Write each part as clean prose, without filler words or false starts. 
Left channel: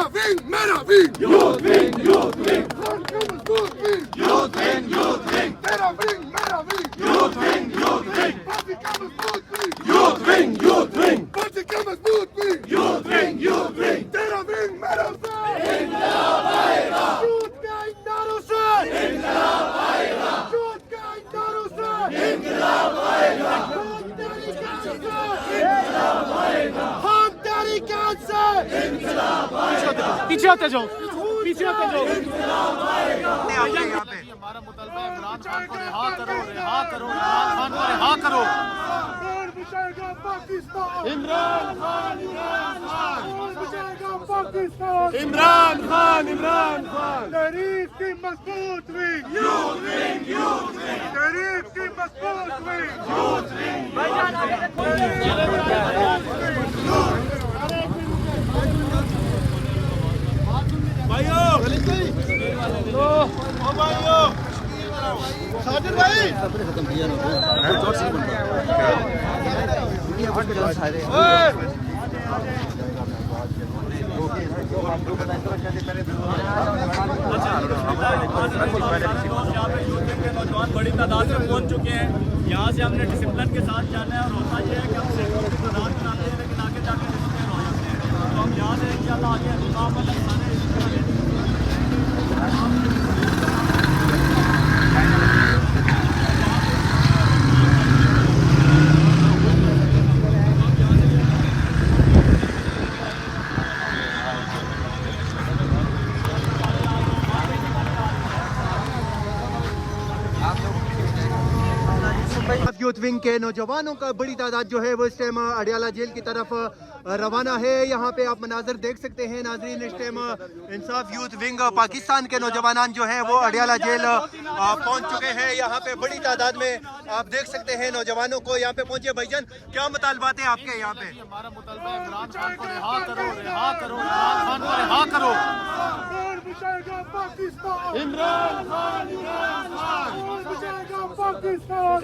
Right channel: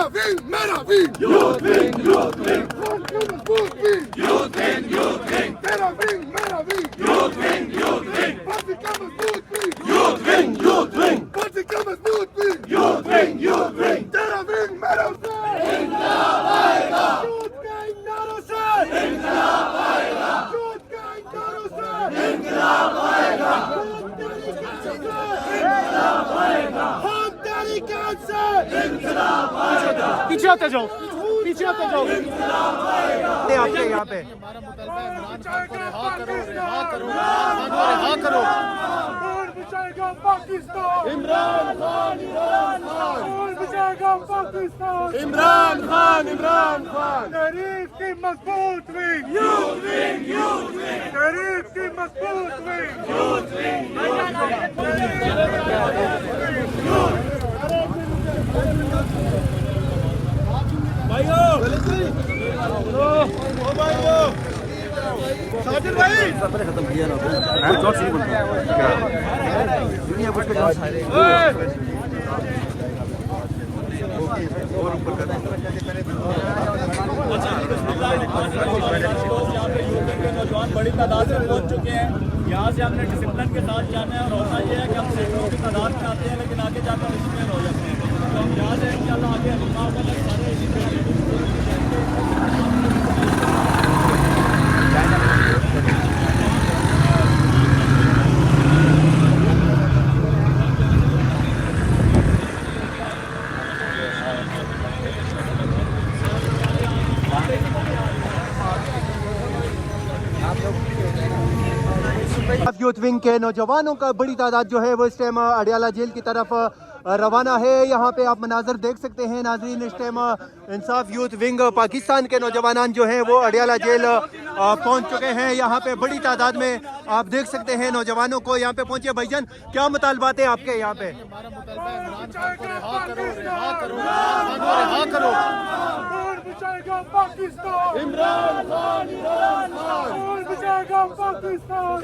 Youth wing, youth wing. Khan Kamal Booth wing. Youth wing, youth wing. Mera wing. Youth wing, youth wing. Party Kamal Booth wing. Youth wing, youth wing. Party Kamal Booth wing. Youth wing, youth wing. Tera wing, mera wing. Inqilab aayega. Youth ka inqilab se. Inqilab aayega. Youth ka inqilab se. Inqilab aayega. Inqilab aayega. Khan Tariqat se. Inqilab aayega. پیچھے ہوتے جاؤ آپ کے یہاں پہ ہمارا مطالبہ ہے عمران خان کو رہا کرو عمران خان کو رہا کرو عمران خان تحریک کی مضبوط ونگ تحریک کی مضبوط ونگ نوجوان بڑی تعداد میں پہنچ چکے ہیں. یہاں سے ہم نے ڈسپلن کے ساتھ جانا ہے اور ہوتا یہ ہے کہ ہم سینکڑوں کی تعداد میں آتے ہیں لیکن آگے جا کر ڈسپلن ہو جاتے ہیں. تو ہم یہاں سے انشاءاللہ آگے حلیمہ آباد تک سارے اسی طرح ریڈی کی صورت میں جائیں گے. یوتھ ونگ کے نوجوانوں کا بڑی تعداد جو ہے وہ اس ٹائم اڈیالہ جیل کی طرف روانہ ہے. یہاں پہ آپ مناظر دیکھ سکتے ہیں ناظرین. اس ٹائم انصاف یوتھ ونگ پاکستان کے نوجوان جو ہیں وہ اڈیالہ جیل پہنچ چکے ہیں. یہاں پہ بڑی تعداد میں آپ دیکھ سکتے ہیں نوجوانوں کو یہاں پہ پہنچے. بھائی جان کیا مطالبات ہیں آپ کے یہاں پہ؟ ہمارا مطالبہ ہے عمران خان کو رہا کرو عمران خان کو رہا کرو.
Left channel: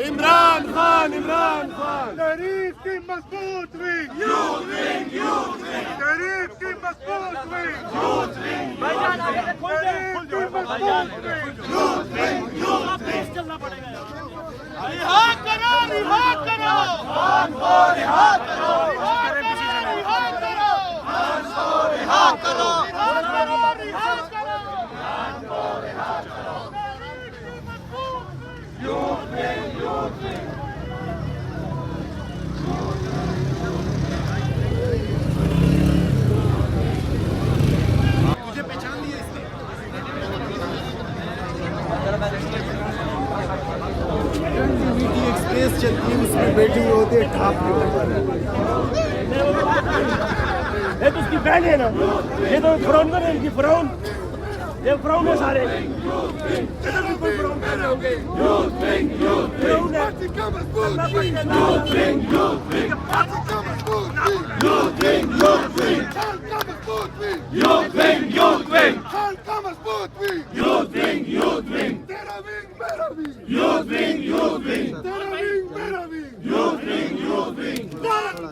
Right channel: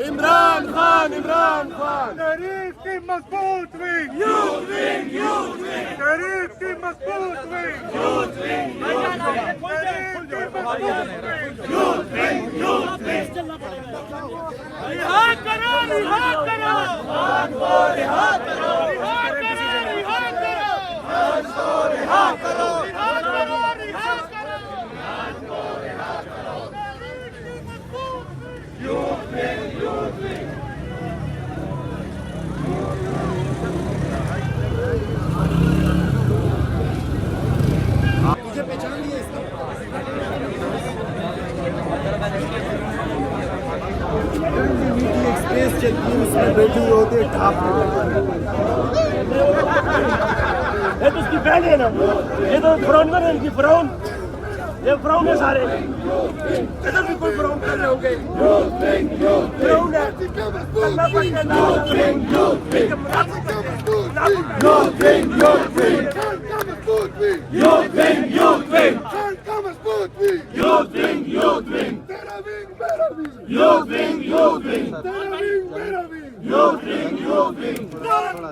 عمران خان تحریک کی مضبوط ونگ تحریک کی مضبوط ونگ تجھے پہچان لیا اس نے ایکسپریس چلتی ہے اس میں بیٹھی ہوتے یہ تو اس کی بہن ہے نا. یہ تو فراؤن ہے ان کی فراؤن. یہ فراؤن ہے سارے ادھر بھی کوئی فراؤن کر رہے ہوں گے. فراؤن ہے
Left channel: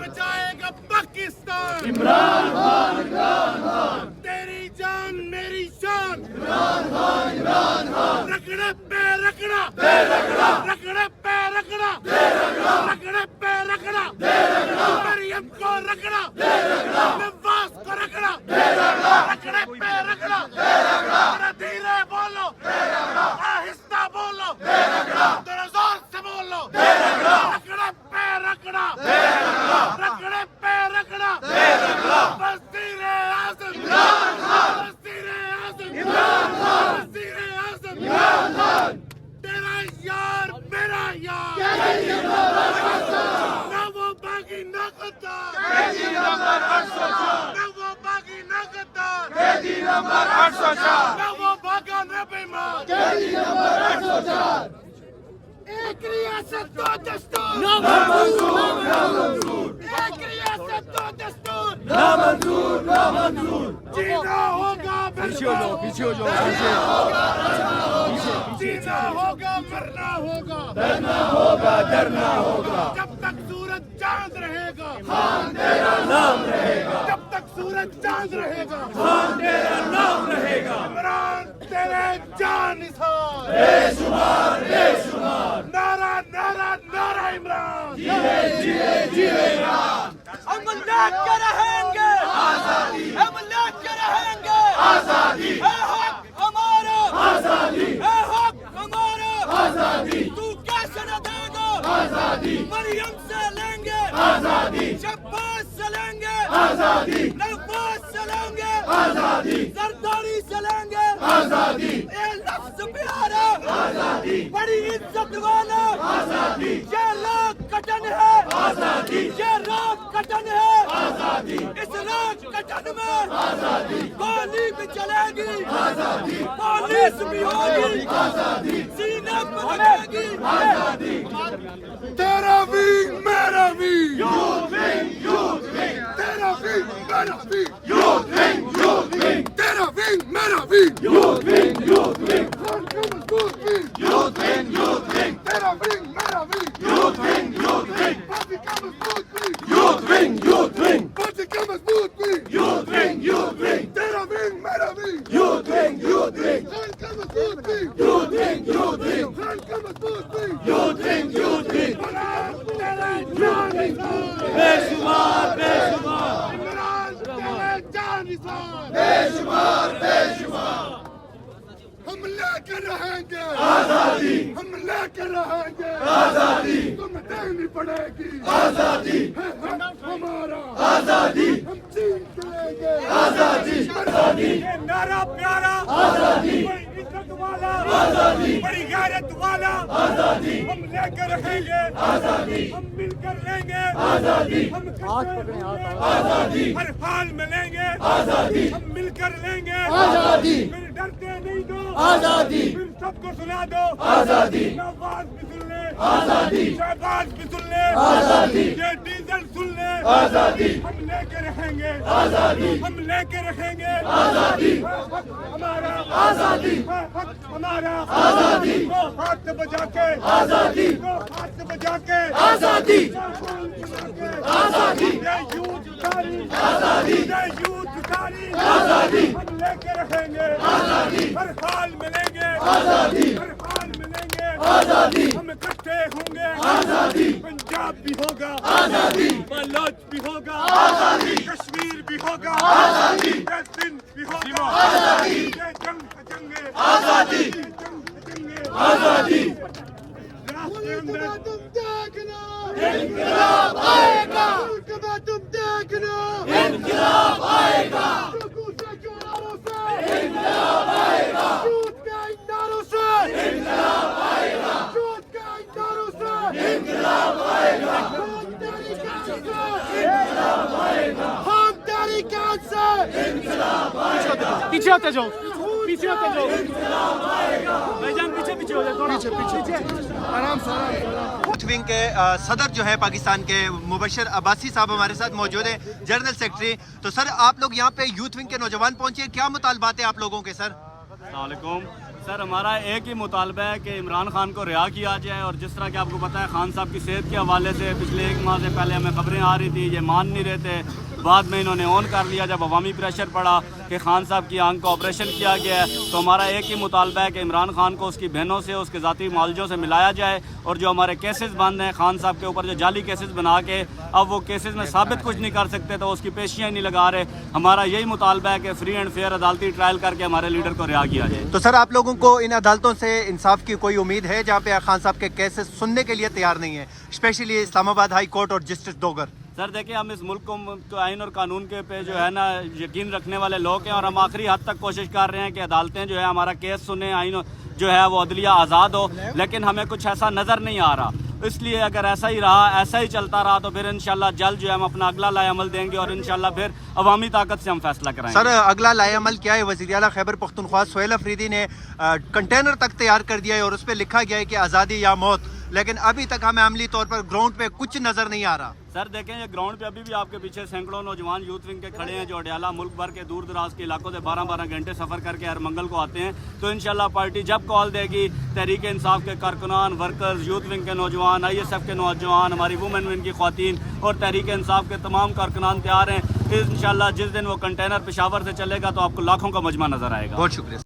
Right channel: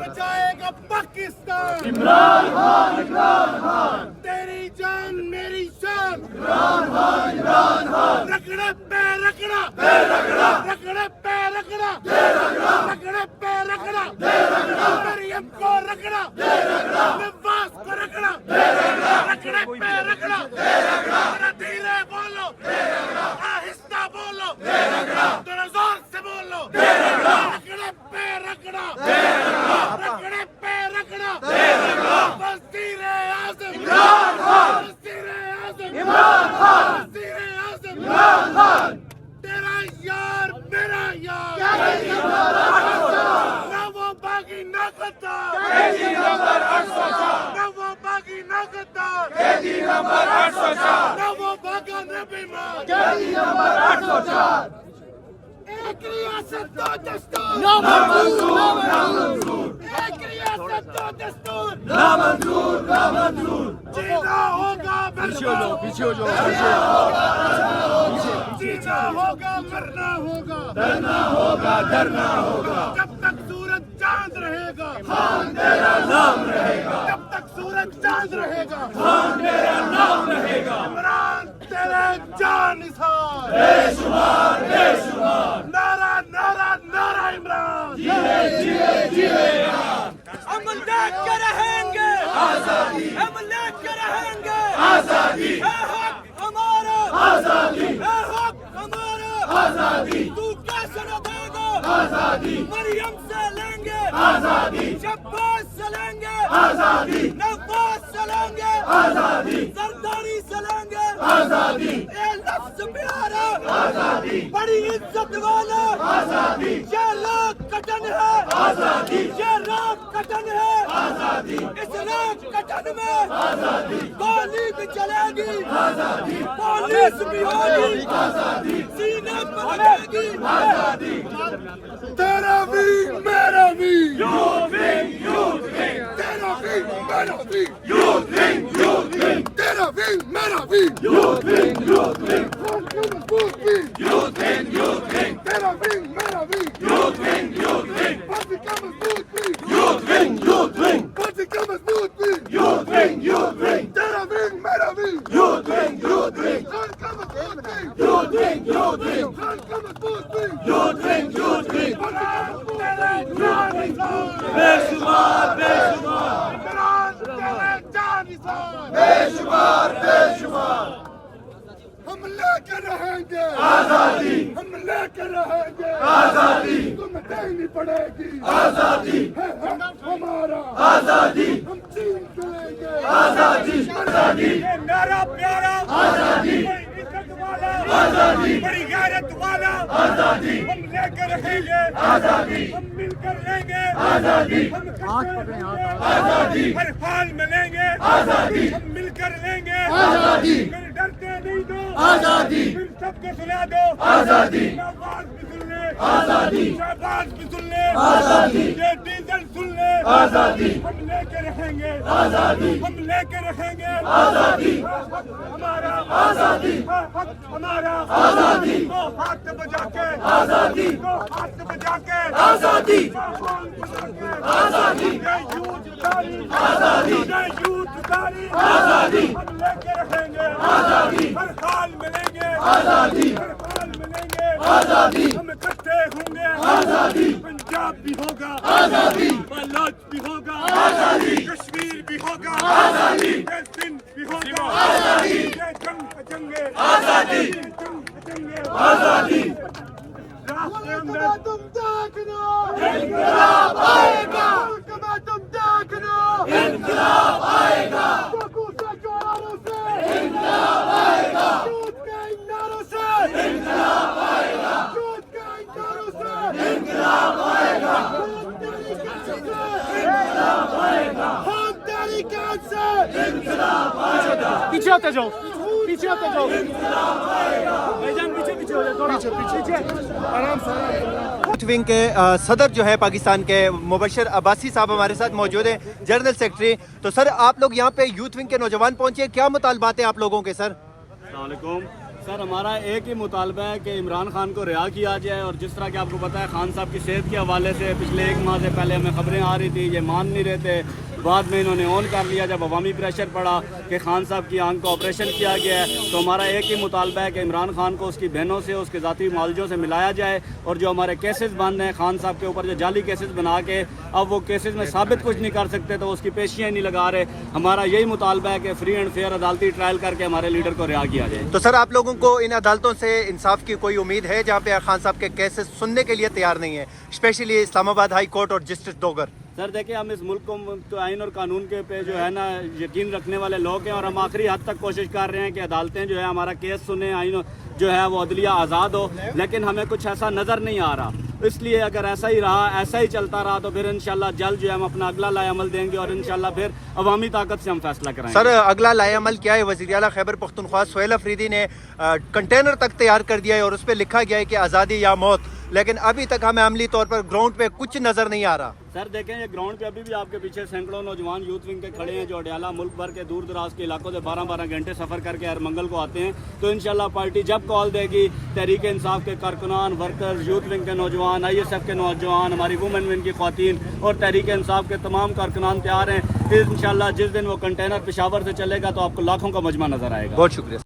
بچائے گا پاکستان. عمران خان تیری جان میری شان. رگڑے پہ رگڑا رگڑے پہ رگڑا رگڑے پہ رگڑا مریم کو رگڑا نواز کو رگڑا رگڑے پہ رگڑا. دھیرے بولو آہستہ بولو ذرا زور سے بولو. رگڑے پہ رگڑا رگڑے پہ رگڑا. وزیر اعظم وزیر اعظم وزیر اعظم تیرا یار میرا یار. نہ وہ باغی نہ غدار. نہ وہ باغی نہ غدار. نہ وہ بھاگا نہ بیمار. ایک ریاست دو دستور. ایک ریاست دو دستور. جینا ہوگا جینا ہوگا مرنا ہوگا ڈرنا ہوگا. جب تک سورج چاند رہے گا جب تک سورج چاند رہے گا नारा नारा नारा इमरान। हम लेके रहेंगे आजादी, हम लेके रहेंगे आजादी, है हक हमारा आजादी, है हक हमारा आजादी। तू कैसे न देगा आजादी, मरियम से लेंगे आजादी, शब्बास से लेंगे आजादी, नवाज से लेंगे आजादी, जरदारी से लेंगे आजादी। ये लफ्ज प्यारा आजादी, बड़ी इज्जत वाला आजादी, ये लोग कटन है आजादी, ये राग कटन है आजादी, इस राग कटन में आजादी, गोली भी चलेगी आजादी, पुलिस भी होगी आजादी, सीने पर लगेगी आजादी। तेरा विंग मेरा विंग, तेरा विंग मेरा विंग, तेरा विंग मेरा विंग, खान का मजबूत विंग, तेरा विंग मेरा विंग, पार्टी का मजबूत विंग, पार्टी का मजबूत विंग, तेरा विंग मेरा विंग, खान का मजबूत विंग, खान का मजबूत विंग, बेशुमार हम लेकर रहेंगे आजादी, हम लेकर रहेंगे आजादी, तुम्हें देनी पड़ेगी आजादी, है हक हमारा आजादी, हम छीन के लेंगे आजादी, आजादी। ये नारा प्यारा आजादी, बड़ी इज्जत वाला आजादी, बड़ी गैरत वाला आजादी, हम लेकर रहेंगे आजादी, हम मिलकर लेंगे आजादी, हम इकट्ठे होंगे आजादी, हर हाल में लेंगे आजादी, हम मिलकर लेंगे आजादी, फिर डरते नहीं दो आजादी, फिर सबको सुना दो आजादी, नवाज भी सुन ले आजादी, शहबाज भी सुन ले आजादी, ये डीजल सुन ले आजादी, हम लेकर रहेंगे आजादी, हम लेकर रहेंगे आजादी, हमारा आजादी, हक हमारा आजादी, हाथ बजा के आजादी, हाथ बजा के आजादी, आजादी, आजादी, आजादी, हम लेकर रहेंगे आजादी, हर हाल में लेंगे आजादी, हर हाल में लेंगे आजादी, हम इकट्ठे होंगे आजादी, पंजाब भी होगा आजादी, बलोच भी होगा आजादी, कश्मीर भी होगा आजादी, सिंध भी होगा आजादी, जंग जंगे आजादी, जंग जंगे आजादी। तुम देखना इंकलाब आएगा, तुम देखना इंकलाब आएगा, इंकलाब आएगा, झूठ के नारों से इंकलाब आएगा, झूठ के नारों से इंकलाब आएगा, हम तेरी कान से इंकलाब आएगा, पीछे होते जाओ, पीछे होते जाओ, भाईजान पीछे पीछे हो जाओ, पीछे पीछे आराम से। यूथ विंग के सदर जो है पाकिस्तान के मुबशर अब्बासी साहब हमारे साथ मौजूद हैं, जनरल सेक्रेटरी। तो सर आप लोग यहाँ पे यूथ विंग के नौजवान पहुंचे, क्या मुतालबात है आप लोगों के सर? अस्सलामुअलैकुम सर, हमारा एक ही मुतालबा है कि इमरान खान को रिहा किया जाए। और जिस तरह कि आपको पता है खान साहब की सेहत के हवाले से पिछले एक माह से पहले हमें खबरें आ रही थी, ये मान नहीं रहे थे, बाद में इन्होंने ऑन कर लिया जब अवामी प्रेशर पड़ा कि खान साहब की आंख का ऑपरेशन किया गया है। तो हमारा एक ही मुतालबा है कि इमरान खान को उसकी बहनों से, उसके ज़ाती मालजों से मिलाया जाए, और जो हमारे केसेस बंद हैं खान साहब के ऊपर, जो जाली केसेस बना के अब वो केसेस में साबित कुछ नहीं कर सकते, तो उसकी पेशियाँ नहीं लगा रहे। हमारा यही मुतालबा है कि फ्री एंड फेयर अदालती ट्रायल करके हमारे लीडर को रिहा किया जाए। तो सर आप लोगों को इन अदालतों से इंसाफ की कोई उम्मीद है जहाँ पे खान साहब के केसेस सुनने के लिए तैयार नहीं है, स्पेशली इस्लामाबाद हाई कोर्ट और जस्टिस डोगर? सर देखिए, हम इस मुल्क को तो आइन और कानून के पे जो है ना यकीन रखने वाले लोग हैं, और हम आखिरी हद तक कोशिश कर रहे हैं कि अदालतें जो है हमारा केस सुने, आइन जो है वो अदलिया आज़ाद हो, लेकिन हमें कुछ ऐसा नज़र नहीं आ रहा। इसलिए अगर ऐसा ही रहा, ऐसा ही चलता रहा, तो फिर इंशाल्लाह जल्द जो है हम अपना अगला लाएअमल देंगे, और इंशाल्लाह फिर अवामी ताकत से हम फैसला कराएंगे। सर अगला लाएअमल क्या है? वज़ीर आला खैबर पख्तूनख्वा सुहेल अफरीदी ने कंटेनर तक तैयार कर दिया है और उस पर लिखा गया है कि आज़ादी या मौत, लेकिन अभी तक हमें अमली तौर पर ग्राउंड पे कुछ नजर नहीं आ रहा। सर देखें, ये ग्राउंड पे अभी भी आपके पीछे सैकड़ों नौजवान यूथ विंग के खड़े हैं, जो अडयाला मुल्क भर के दूर दराज के इलाकों से 12-12 घंटे सफ़र करके हर मंगल को आते हैं। तो इंशाल्लाह पार्टी जब कॉल देगी, तहरीक इंसाफ के कारकुनान, वर्कर्स, यूथ विंग के नौजवान, ISF के नौजवान, हमारी वुमेन विंग की ख्वातीन और तहरीक इंसाफ के तमाम कारकुनान तैयार हैं। इंशाल्लाह जिस दिन वो कंटेनर पेशावर से चलेगा तो आपको लाखों का मजमा नजर आएगा। बहुत शुक्रिया।